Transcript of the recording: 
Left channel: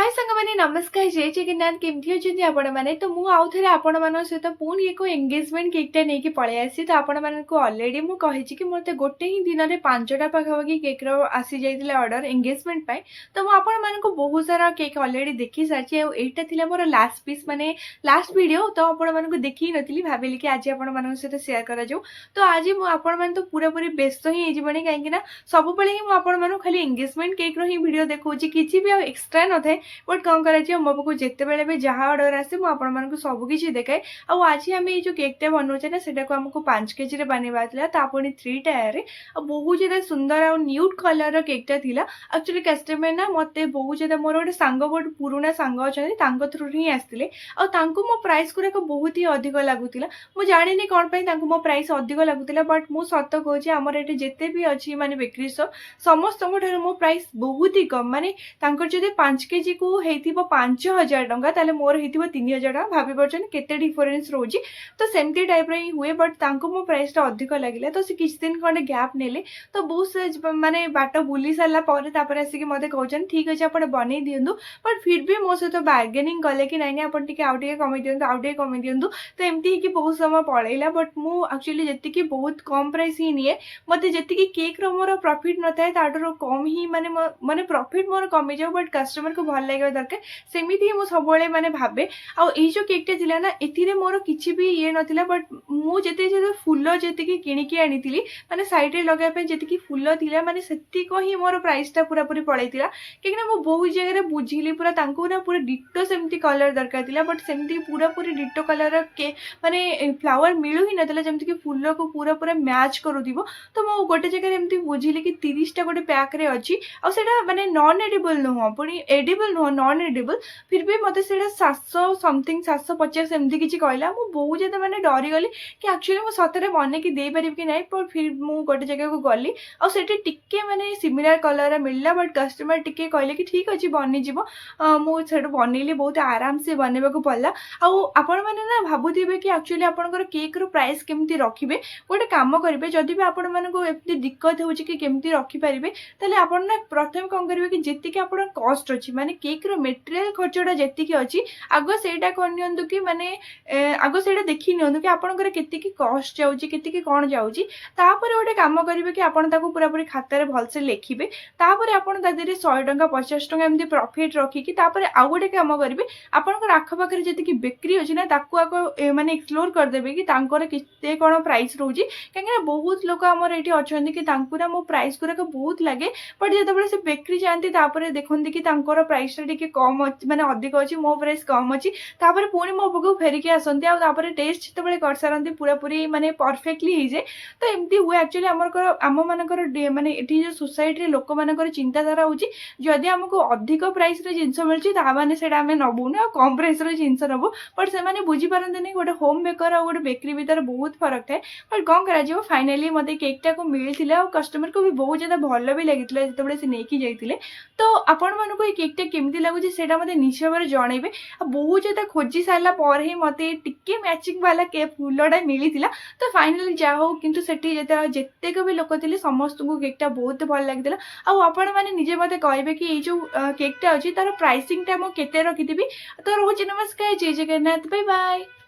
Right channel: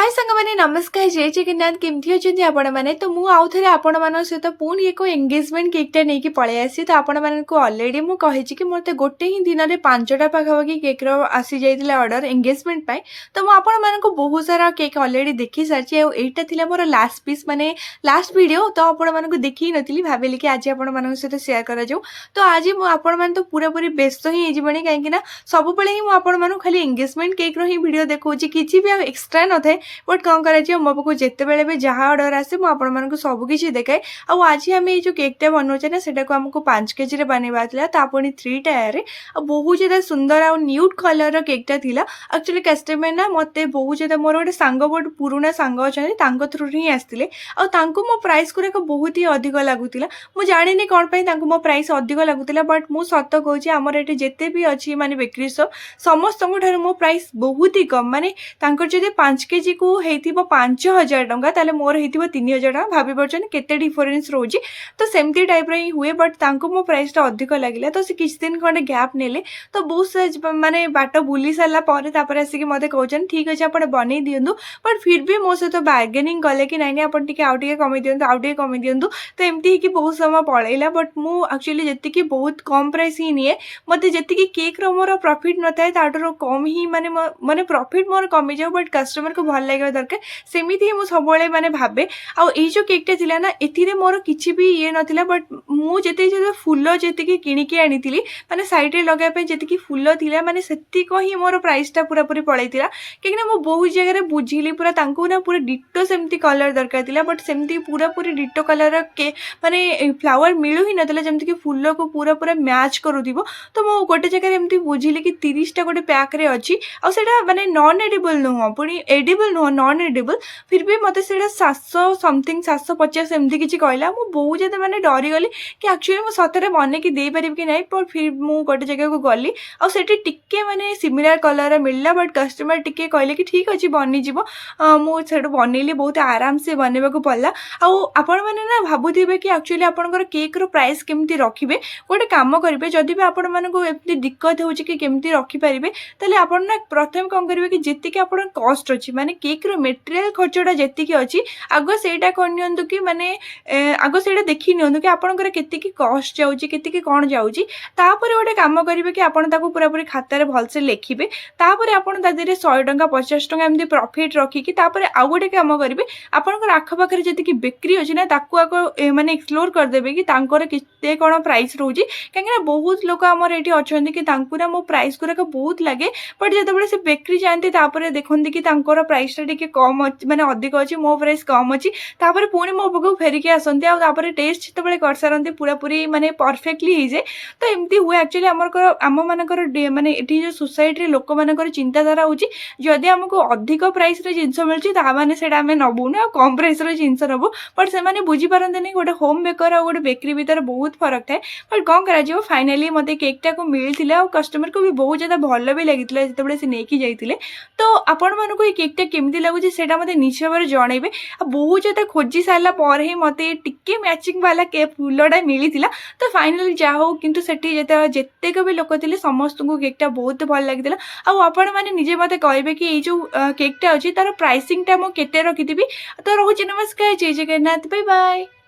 हाय सांगमाने नमस्कार जय जगन्नाथ केमती अछंती आपण माने तो मु आउ थरे आपण मान सहित पुणी एको एंगेजमेंट केकटा नेकी पळै आसी तो आपण मानकु ऑलरेडी मु कहिछि कि मोते गोटे ही दिन रे 5टा पाखापाखि केक रो आसी जाइतिला ऑर्डर एंगेजमेंट पाई तो मु आपण मानकु बहुत सारा केक ऑलरेडी देखि सारछि एटा थिला मोर लास्ट पीस माने लास्ट वीडियो तो आपण मानकु देखि नथिली भाबिली कि आज आपण मानक सहित शेयर करा जाऊ तो आज मु आपण मान तो पूरा पूरी व्यस्त ही जिबणी काहे कि ना सब बेले ही मु आपण मानकु खाली एंगेजमेंट केक रो ही वीडियो देखौछि किछि भी एक्स्ट्रा न थाए बट कौन कर मो पाक जिते भी जहाँ अर्डर आसे मुझे सबकि देखाए आज आम ये केकटा बनाऊे ना से आमको 5 केजी बनवाला पुणी 3 टायर बहुत ज़्यादा सुंदर आ न्यूट कलर केकटा थिला एक्चुअली कस्टमर ना मत बहुत ज़्यादा मोर गोटे सांग बहुत पुराना सांग अच्छा थ्रु ही आसते मो प्राइस गुराक बहुत ही अधिक लगुला मुझे जानी कौन पर मो प्राइस अधिक लगुला बट मुझ सत कहूँ आमर ये जिते भी अच्छी माने बेकरी शॉप समस्त मो प्राइस बहुत ही कम माने जब 5 केजी को होइथिबो 5000 टंका ताले मोर होइथिबो 3000 टंका भाभी परछन केते डिफरेंस रोजी तो सेमती टाइप रे हुए बट तांको मो प्राइस टा अधिक लागिला तो से किछ दिन खंडे गैप नेले तो बहुत से माने बाट बुली साला परे तापर आसी कि मते कहउछन ठीक अछि आपण बनै दियंदु बट फिर भी मो सहित बार्गेनिंग कले कि नै नै आपण टिके आउ टिके कमै दियंदु तो एमती कि बहुत समय पळैला बट मु एक्चुअली जति कि बहुत कम प्राइस ही निए मते जति कि केक रो मोर प्रॉफिट न थाए ताडरो कम ही माने माने प्रॉफिट मोर कमी जाउ बट कस्टमर को भल लागे दरकार सेमिति ही मु सबले माने भाबे आ ए जो केकटा थिला ना एथिरे मोर किछि भी ये नथिला बट मु जते जते फूल जते कि किनि के आनिथिली माने साइड रे लगा पे जते कि फूल थिला माने सेति को ही मोर प्राइस टा पूरा पूरी पळैतिला कि ना मु बहुत जगह रे बुझिली पूरा तांको ना पूरा डिटो सेमति कलर दरकार थिला बट सेमति पूरा पूरी डिटो कलर के माने फ्लावर मिलु ही नथिला जेमति कि फूल को पूरा पूरा मैच करूदिबो तो मु गोटे जगह रे एमति बुझिली कि 30 टा गोटे पैक रे अछि आ सेटा माने नॉन एडिबल नुह पुनी एडिबल नुह नॉन एडिबल फिर भी मत 700 समथिंग 750 एमती किसी कहला मु बहुत ज़्यादा मैंने डरी गली कि एक्चुअली मुझे सतरे बन की दे पारि कि नहीं पर फिर मु गोटे जगह को गली आठी टिके माने सिमिलर कलर मिलला बट कस्टमर टिके कहले कि ठीक अच्छे बनीजी मुझे बनैली बहुत आराम से बनवा को पड़ा आपण मैंने ना भावुवे कि एक्चुअली आपंकर केक रो प्राइस केमती रखिए गोटे कम करेंगे जदि भी आपण मानक एमती दिक्कत हो केमती रखिपारे ताले आपण ना प्रथम कौन करेंगे कि जीतिक आप कस्ट अच्छी माने केक रो मेटेरियल खर्चटा जी अच्छी आग से कहतु कि माने आग से देखी नि कि आपंकर के कस्ट जाऊँगी के कौन जाऊँगी गोटे कम करेंगे कि आपड़ पूरा पूरी खातार भलसे लिखे तापर आप 100 टंका 50 टंका एमती प्रॉफिट रखिकी आउ गोटे कम करेंगे आपंकर आखपाखे जी बेकरी अच्छी ना आग माने एक्सप्लोर करदेवे कि केते कौन प्राइस रोचे कहीं बहुत लोग आमर ये अच्छा कि ना मो प्राइस गुराक बहुत लगे बट जो से बेकरी जाती देखते कि प्राइस टा कम माने अधिक अच्छी मो प्राइस कम अच्छी पुणी मो पाक फेरिकी आसती टेस्ट जिते कर सारती पूरा पूरी माने परफेक्टली हो जाए तो एमती हुए एक्चुअली आम मानकर माने ये सोसाइटी लोक मानकर चिंताधारा होची जदि आमको अधिक प्राइस जिनस मिलूँ से नबू ना कम प्राइस जिनस नबू बट से बुझी पारते नहीं गोटे होम बेकर और गोटे बेकरी भितर बहुत फरक थाए बट कौन कर फाइनाली मत केकटा को मिलता और कस्टमर को भी बहुत ज़्यादा भल भी लगी जिते से नहीं जाते तो आपण मानक ये केकटा केमती लगुच से मत निश्चय भाव जनइबे बहुत ज़्यादा खोजी सारा पर ही मत टिके मैचिंग वाला के फूलटा मिली तो फाइनाली जहा हो कि जितेक भी लोक थे समस्त को केकटा बहुत भल लगी आपण मैंने निजे मत कहे कि ये जो केकटा अच्छी तार प्राइसिंग टा मुझे रखी तो रोचे नमस्कार जय जगन्नाथ बाय बाय।